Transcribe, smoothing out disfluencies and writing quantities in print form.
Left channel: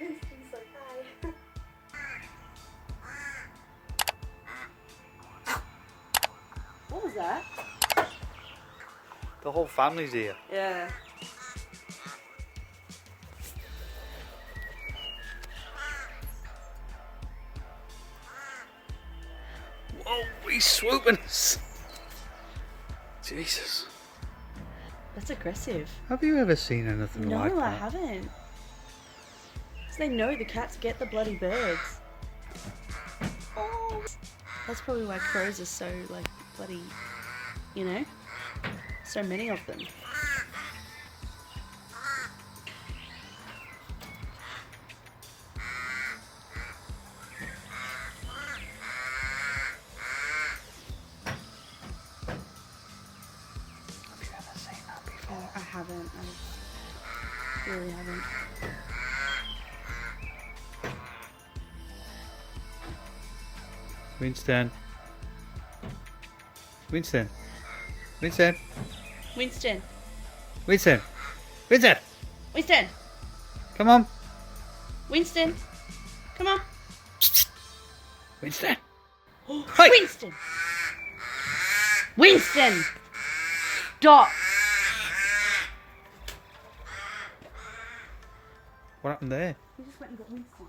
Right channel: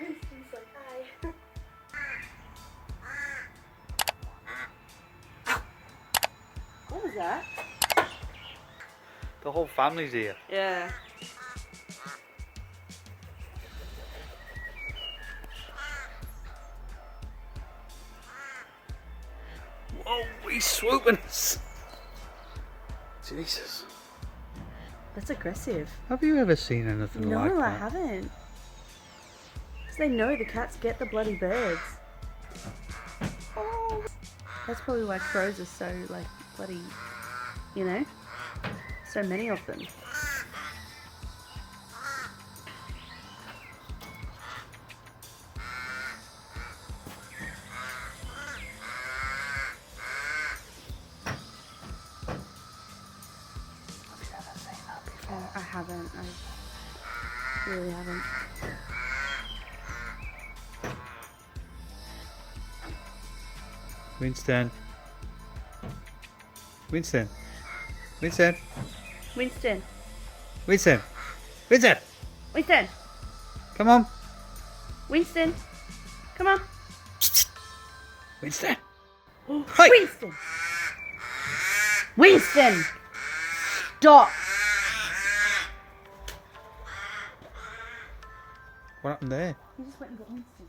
Winston's like, hi. What was that? The whole family's here. Yeah. Whoa, he's swooping us. Jesus. That's aggressive. Have you ever seen anything like that? No, I haven't. Because they know the cats get the bloody birds. Oh. That's probably why crows are so, like, bloody, you know? So many of them. Have you ever seen that before? I haven't. I really haven't. Winston. Winston. Winston. Winston. Winston. Winston. Winston. Come on. Winston. Come on. Winston. Hey. Winston. Winston. Stop. What happened there? You just went and got Winston.